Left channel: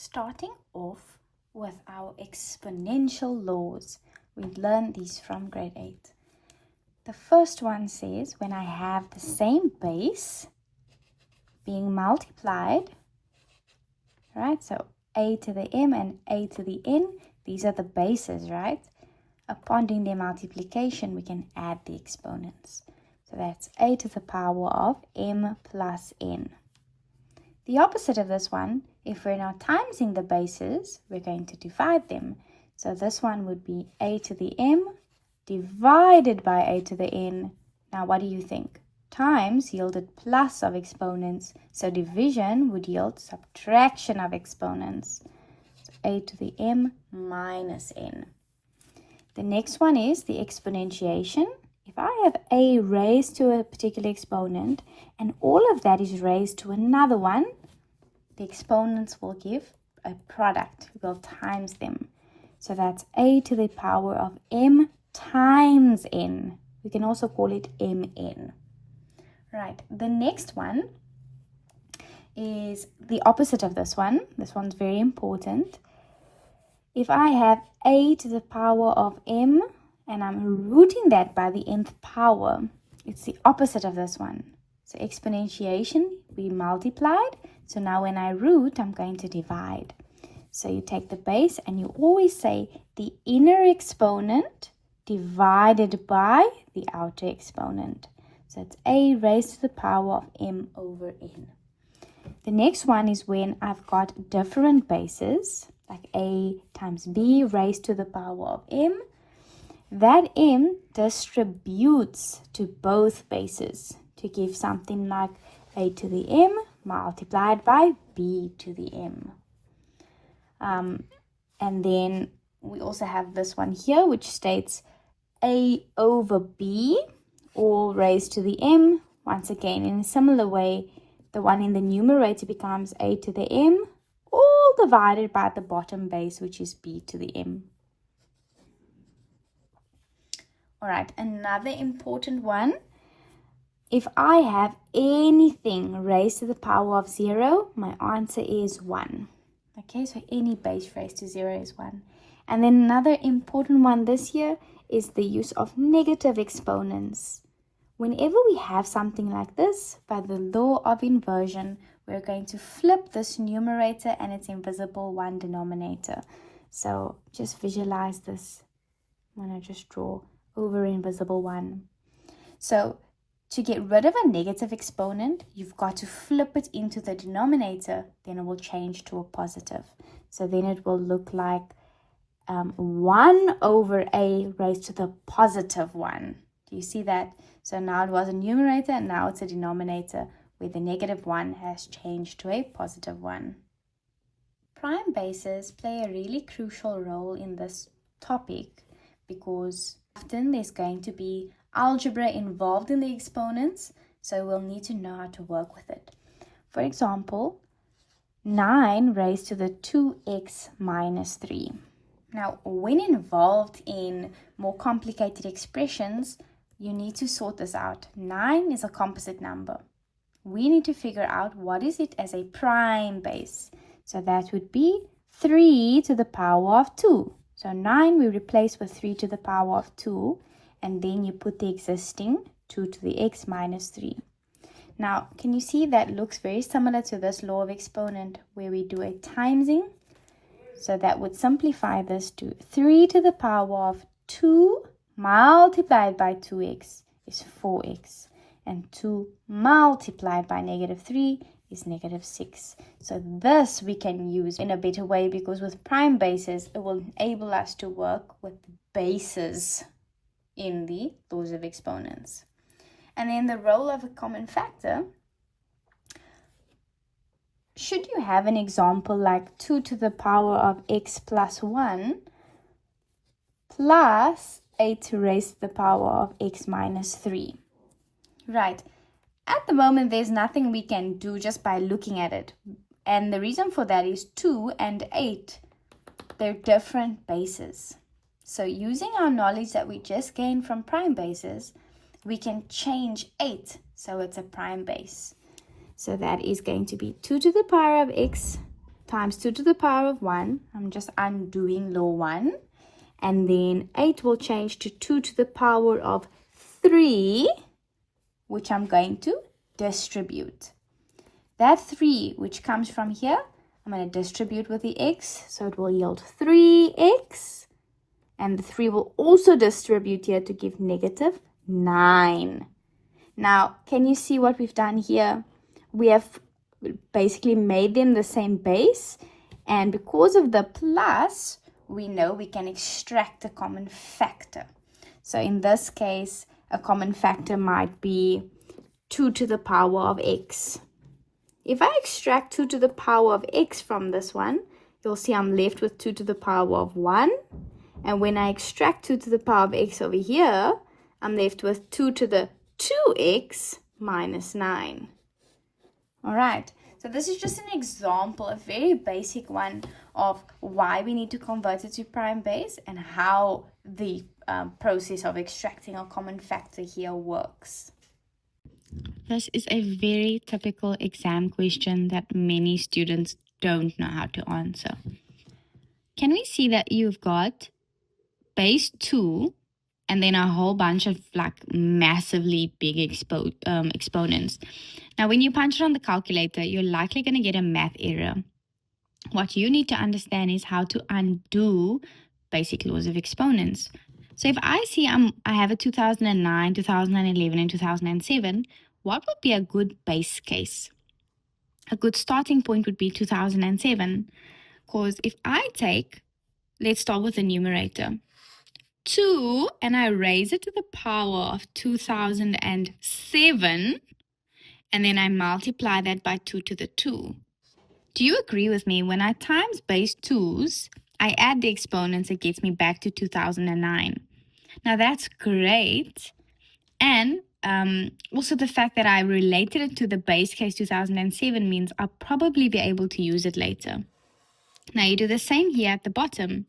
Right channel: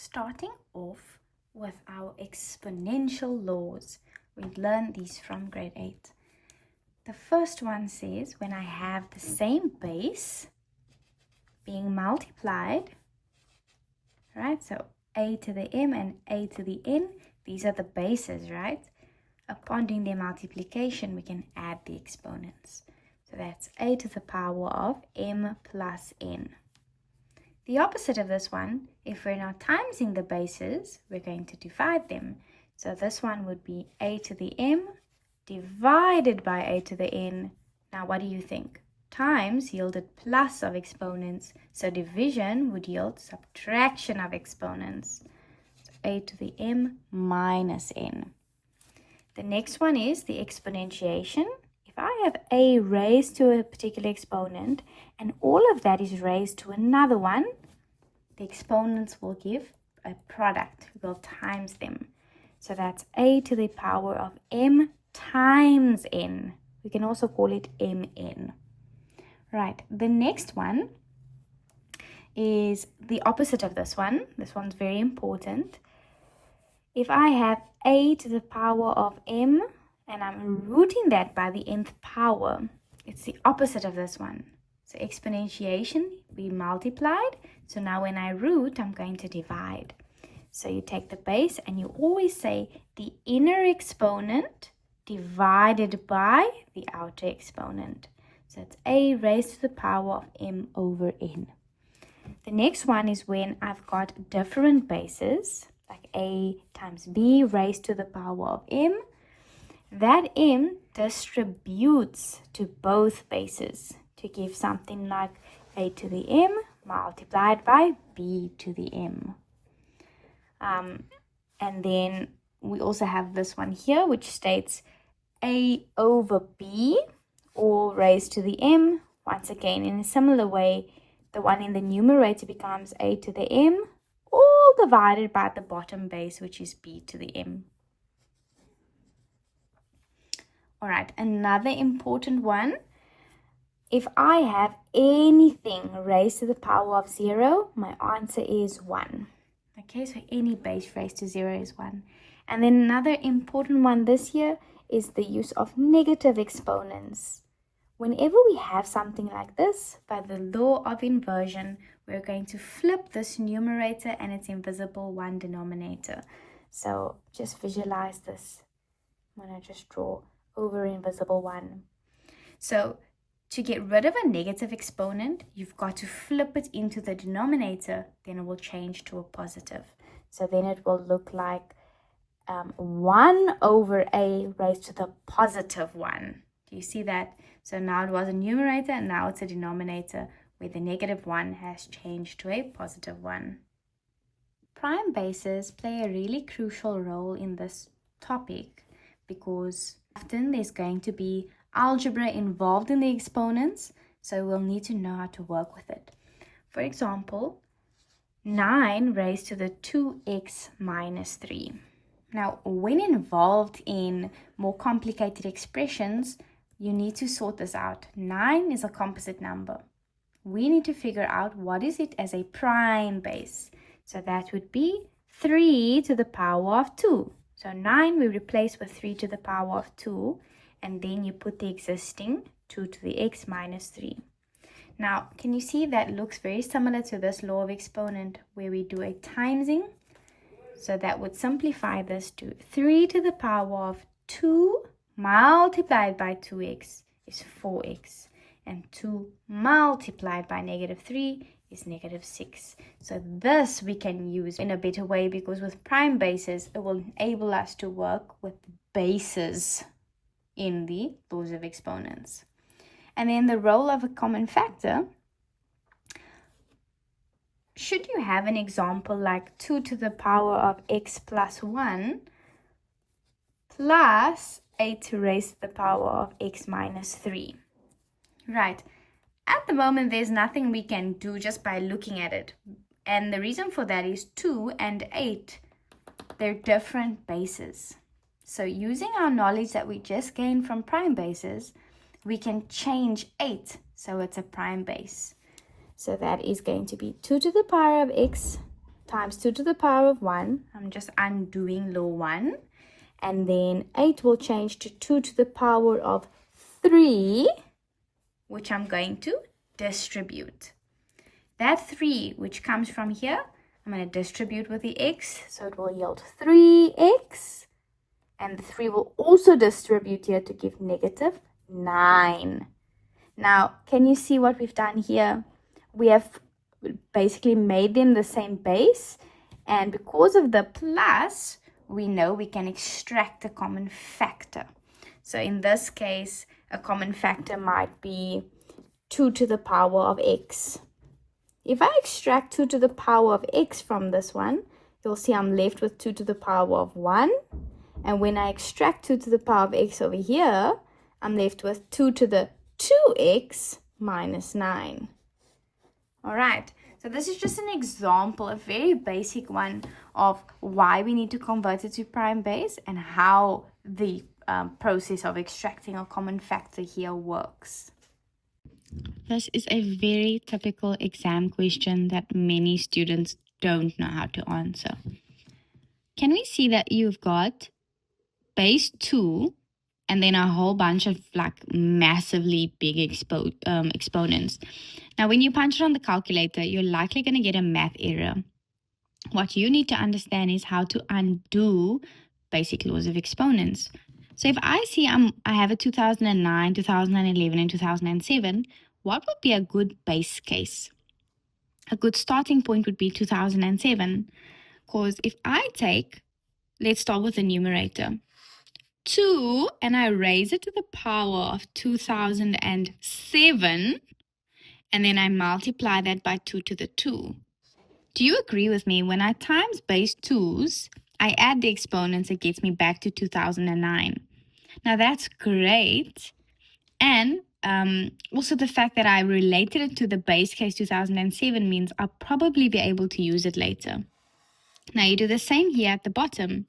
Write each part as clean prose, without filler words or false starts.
Starting off with our exponential laws. We learned these from grade 8. The first one says when I have the same base being multiplied, right? So a to the m and a to the n, these are the bases, right? Upon doing their multiplication, we can add the exponents. So that's a to the power of m plus n. The opposite of this one, if we're not timesing the bases, we're going to divide them. So this one would be a to the m divided by a to the n. Now what do you think? Times yielded plus of exponents, so division would yield subtraction of exponents. So a to the m minus n. The next one is the exponentiation. If I have a raised to a particular exponent and all of that is raised to another one, the exponents will give a product. We'll times them. So that's a to the power of m times n. We can also call it mn. Right, the next one is the opposite of this one. This one's very important. If I have a to the power of m and I'm rooting that by the nth power, it's the opposite of this one. So exponentiation, we multiplied. So now when I root, I'm going to divide. So you take the base and you always say the inner exponent divided by the outer exponent. So it's a raised to the power of m over n. The next one is when I've got different bases, like a times b raised to the power of m. That m distributes to both bases to give something like a to the m multiplied by b to the m. And then we also have this one here, which states a over b, all raised to the m. Once again, in a similar way, the one in the numerator becomes a to the m, all divided by the bottom base, which is b to the m. All right, another important one. If I have anything raised to the power of 0, my answer is 1. Okay, so any base raised to 0 is 1. And then another important one this year is the use of negative exponents. Whenever we have something like this, by the law of inversion, we're going to flip this numerator and its invisible 1 denominator. So just visualize this. I'm going to just draw over invisible 1. So to get rid of a negative exponent, you've got to flip it into the denominator, then it will change to a positive. So then it will look like 1 over a raised to the positive 1. Do you see that? So now it was a numerator and now it's a denominator where the negative 1 has changed to a positive 1. Prime bases play a really crucial role in this topic because often there's going to be algebra involved in the exponents, so we'll need to know how to work with it. For example, 9 raised to the 2x minus 3. Now, when involved in more complicated expressions, you need to sort this out. 9 is a composite number. We need to figure out what is it as a prime base. So that would be 3 to the power of 2. So 9 we replace with 3 to the power of 2. And then you put the existing 2 to the x minus 3. Now, can you see that looks very similar to this law of exponent where we do a timesing? So that would simplify this to 3 to the power of 2 multiplied by 2x is 4x. And 2 multiplied by negative 3 is negative 6. So this we can use in a better way because with prime bases, it will enable us to work with bases in the laws of exponents. And then the role of a common factor. Should you have an example like 2 to the power of x plus 1 plus 8 raised to the power of x minus 3? Right. At the moment, there's nothing we can do just by looking at it. And the reason for that is 2 and 8, they're different bases. So using our knowledge that we just gained from prime bases, we can change 8 so it's a prime base. So that is going to be 2 to the power of x times 2 to the power of 1. I'm just undoing law 1. And then 8 will change to 2 to the power of 3, which I'm going to distribute. That 3, which comes from here, I'm going to distribute with the x, so it will yield 3x. And the 3 will also distribute here to give negative 9. Now, can you see what we've done here? We have basically made them the same base. And because of the plus, we know we can extract a common factor. So in this case, a common factor might be 2 to the power of x. If I extract 2 to the power of x from this one, you'll see I'm left with 2 to the power of 1. And when I extract 2 to the power of x over here, I'm left with 2 to the 2x minus 9. All right, so this is just an example, a very basic one of why we need to convert it to prime base and how the process of extracting a common factor here works. This is a very typical exam question that many students don't know how to answer. Can we see that you've got base 2 and then a whole bunch of like massively big exponents? Now, when you punch it on the calculator, you're likely going to get a math error. What you need to understand is how to undo basic laws of exponents. So if I see I have a 2009, 2011, and 2007, what would be a good base case? A good starting point would be 2007. Because if I take, let's start with the numerator, 2, and I raise it to the power of 2007, and then I multiply that by 2 to the 2. Do you agree with me? When I times base 2's, I add the exponents, it gets me back to 2009. Now that's great. And also the fact that I related it to the base case 2007 means I'll probably be able to use it later. Now you do the same here at the bottom.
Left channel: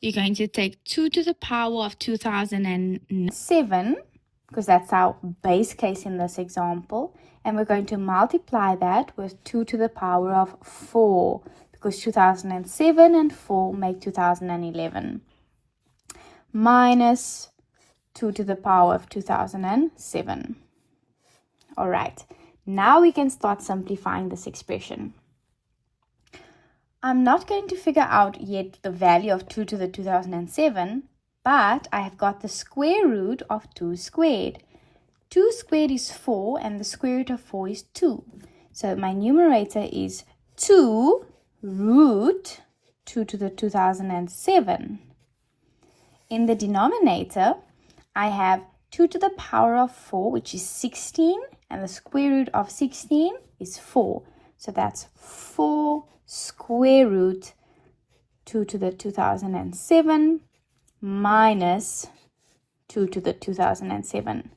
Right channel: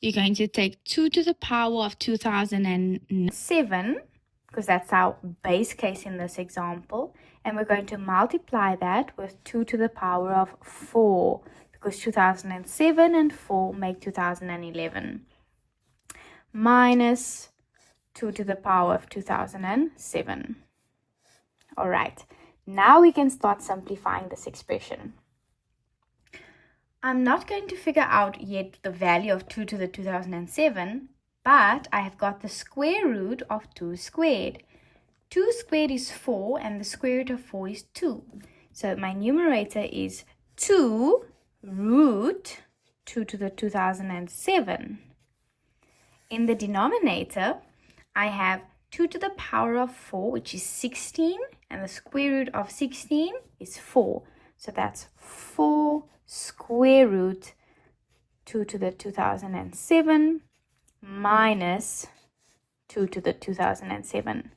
You're going to take 2 to the power of 2007, because that's our base case in this example, and we're going to multiply that with 2 to the power of 4, because 2007 and 4 make 2011, minus 2 to the power of 2007. All right, now we can start simplifying this expression. I'm not going to figure out yet the value of 2 to the 2007, but I have got the square root of 2 squared. 2 squared is 4, and the square root of 4 is 2. So my numerator is 2 root 2 to the 2007. In the denominator, I have 2 to the power of 4, which is 16, and the square root of 16 is 4. So that's 4 square root 2 to the 2007 minus 2 to the 2007.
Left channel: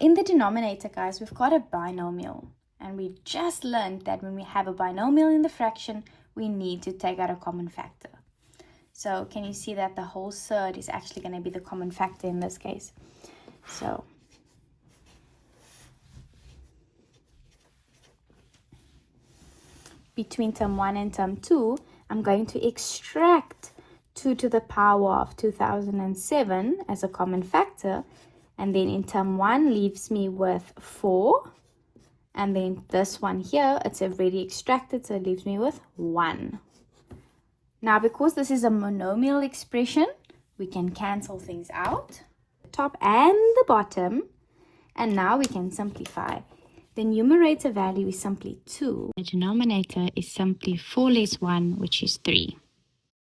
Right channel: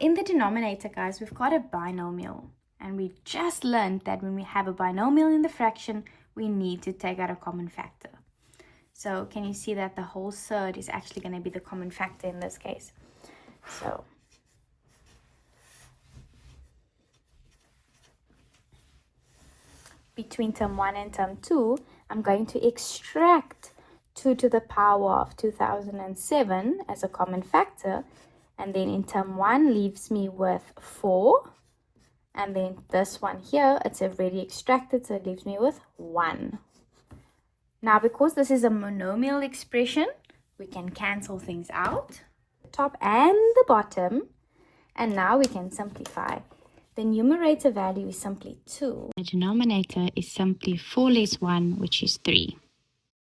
In the denominator, guys, we've got a binomial. And we just learned that when we have a binomial in the fraction, we need to take out a common factor. So can you see that the whole surd is actually going to be the common factor in this case? So between term 1 and term 2, I'm going to extract 2 to the power of 2007 as a common factor. And then in term 1 leaves me with 4. And then this one here, it's already extracted, so it leaves me with 1. Now, because this is a monomial expression, we can cancel things out, the top and the bottom. And now we can simplify. The numerator value is simply 2. the denominator is simply 4 less 1, which is 3.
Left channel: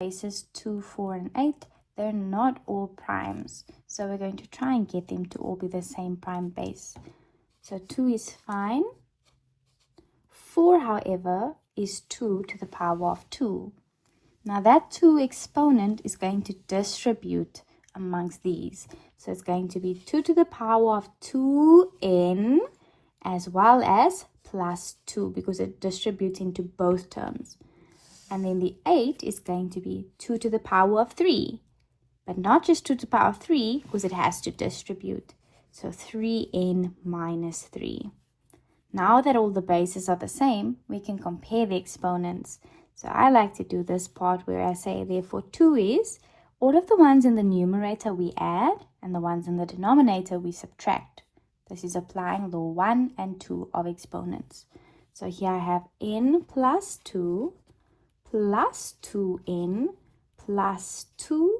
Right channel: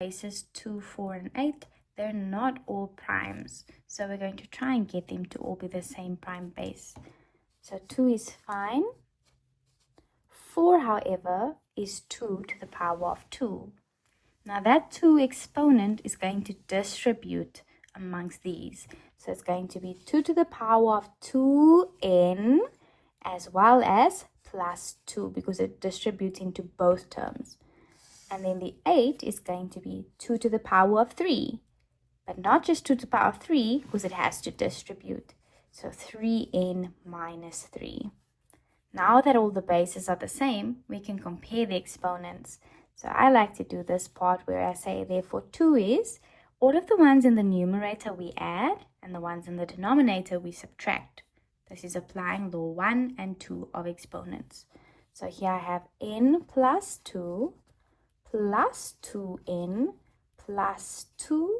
Bases 2, 4, and 8, they're not all primes. So we're going to try and get them to all be the same prime base. So 2 is fine. 4, however, is 2 to the power of 2. Now that 2 exponent is going to distribute amongst these. So it's going to be 2 to the power of 2n as well as plus 2 because it's distributing to both terms. And then the 8 is going to be 2 to the power of 3. But not just 2 to the power of 3 because it has to distribute. So 3n minus 3. Now that all the bases are the same, we can compare the exponents. So I like to do this part where I say, therefore 2 is, all of the ones in the numerator we add, and the ones in the denominator we subtract. This is applying law 1 and 2 of exponents. So here I have n plus 2 plus 2n plus 2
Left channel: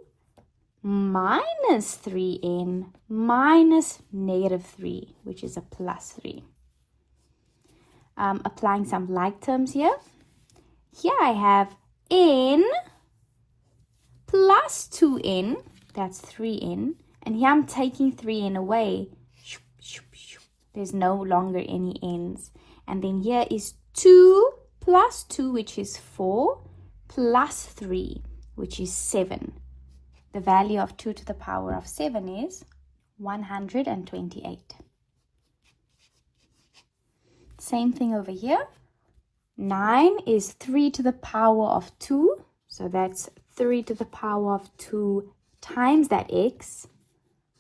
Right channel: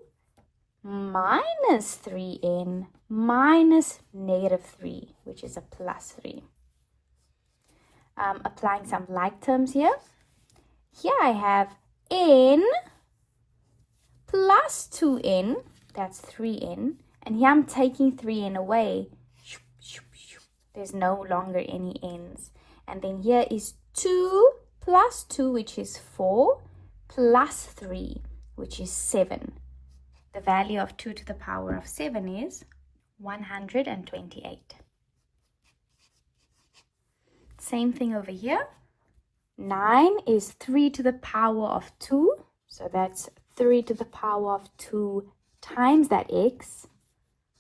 minus 3n minus negative 3, which is a plus 3. Applying some like terms here. Here I have n plus 2n, that's 3n, and here I'm taking 3n away. There's no longer any n's. And then here is 2 plus 2, which is 4, plus 3, which is 7. The value of 2 to the power of 7 is 128. Same thing over here. 9 is 3 to the power of 2. So that's 3 to the power of 2 times that x,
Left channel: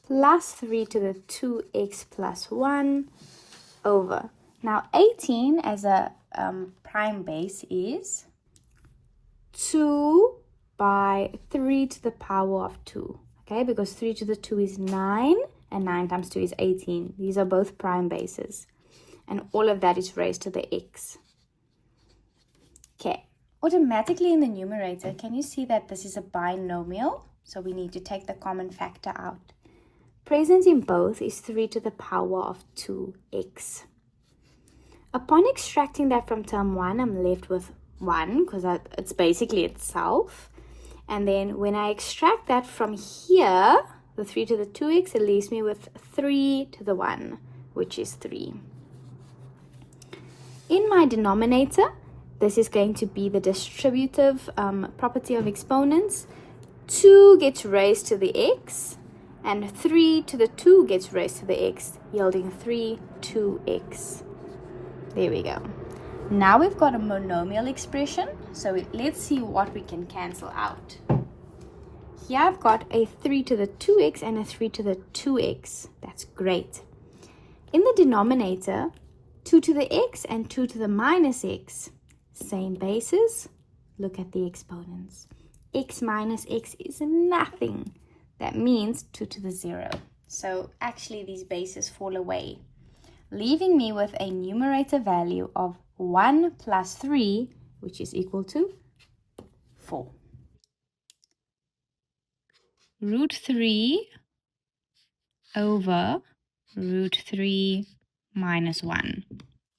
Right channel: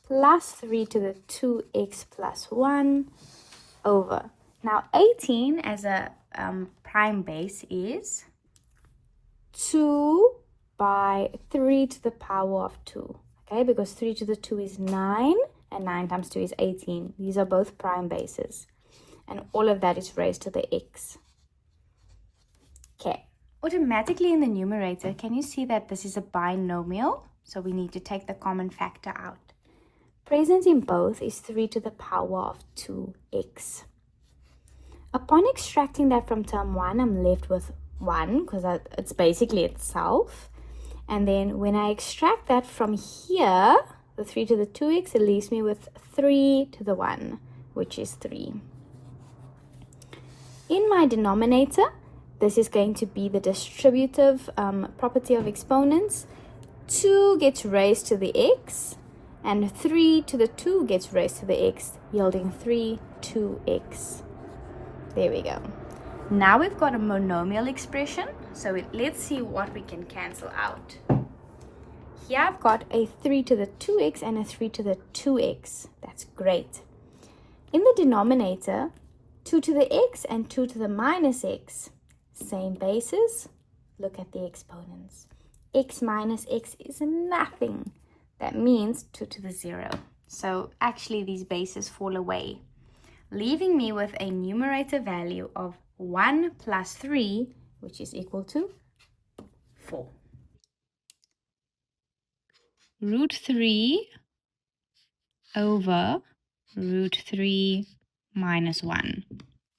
plus 3 to the 2x plus 1 over. Now 18 as a prime base is 2 by 3 to the power of 2. Okay, because 3 to the 2 is 9, and 9 times 2 is 18. These are both prime bases. And all of that is raised to the x. Okay, automatically in the numerator, can you see that this is a binomial? So we need to take the common factor out. Present in both is 3 to the power of 2x. Upon extracting that from term 1, I'm left with 1, because it's basically itself. And then when I extract that from here, the 3 to the 2x, it leaves me with 3 to the 1, which is 3. In my denominator, this is going to be the distributive property of exponents. 2 gets raised to the x, and 3 to the 2 gets raised to the x, yielding 3 2x. There we go. Now we've got a monomial expression, so let's see what we can cancel out. Here I've got a 3 to the 2x and a 3 to the 2x. That's great. In the denominator, 2 to the x and 2 to the minus x. Same bases. Look at the exponents. X minus x is nothing. That means 2 to the 0. So actually these bases fall away, leaving me with a numerator value of 1 plus 3, which is equal to 4. Root 3 over root 3 minus 1.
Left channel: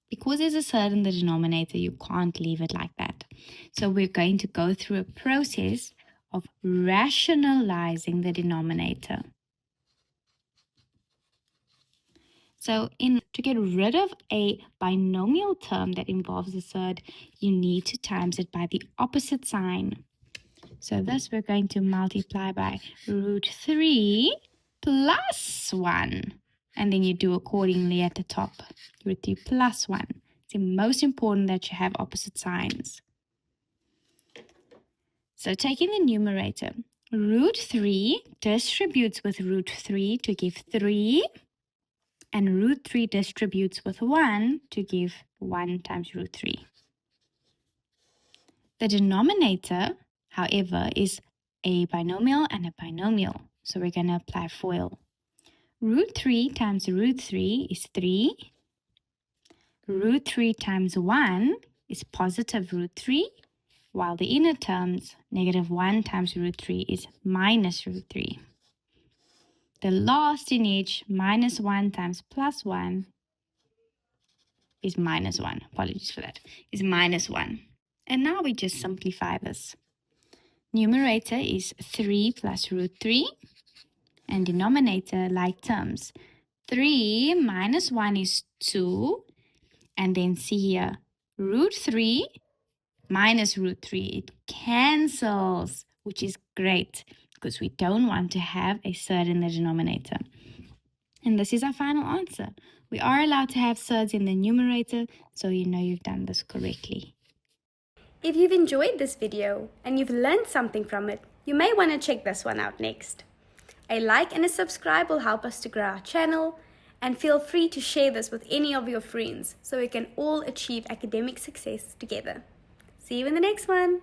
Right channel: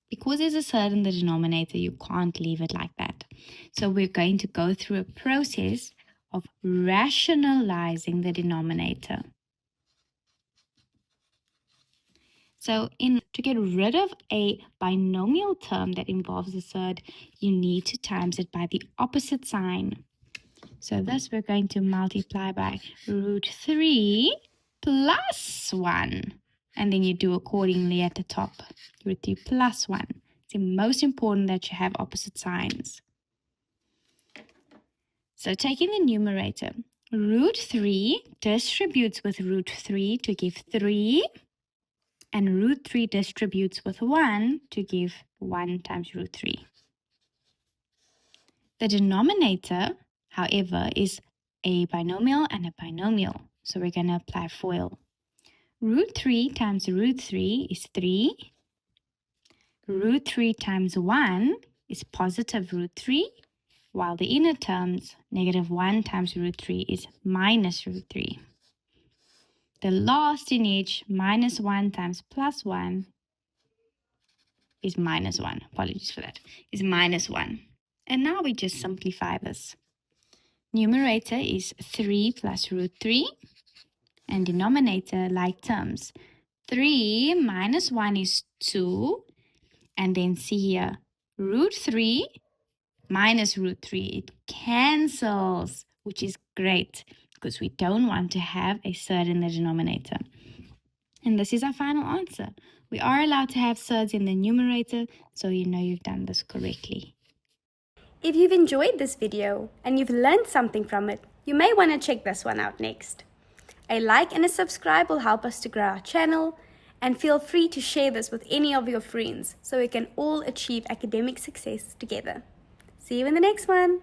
Because there's a surd in the denominator, you can't leave it like that. So we're going to go through a process of rationalizing the denominator. So to get rid of a binomial term that involves a surd, you need to times it by the opposite sign. So thus we're going to multiply by root 3 plus 1. And then you do accordingly at the top. Root 3 plus 1. It's most important that you have opposite signs. So taking the numerator, root 3 distributes with root 3 to give 3. And root 3 distributes with 1 to give 1 times root 3. The denominator, however, is a binomial and a binomial. So we're going to apply FOIL. Root 3 times root 3 is 3. Root 3 times 1 is positive root 3, while the inner terms, negative 1 times root 3 is minus root 3. The last in each, minus 1 times plus 1, is minus 1. Apologies for that. Is minus 1. And now we just simplify this. Numerator is 3 plus root 3. And denominator, like terms. 3 minus 1 is 2. And then see here, root 3 minus root 3. It cancels, which is great because we don't want to have a surd in the denominator. And this is our final answer. We are allowed to have surds in the numerator, so you know you've done this correctly. If you've enjoyed this video and you've learned something from it, you may want to check this one out next. A like and a subscribe will help us to grow our channel, And feel free to share this with any of your friends so we can all achieve academic success together. See you in the next one.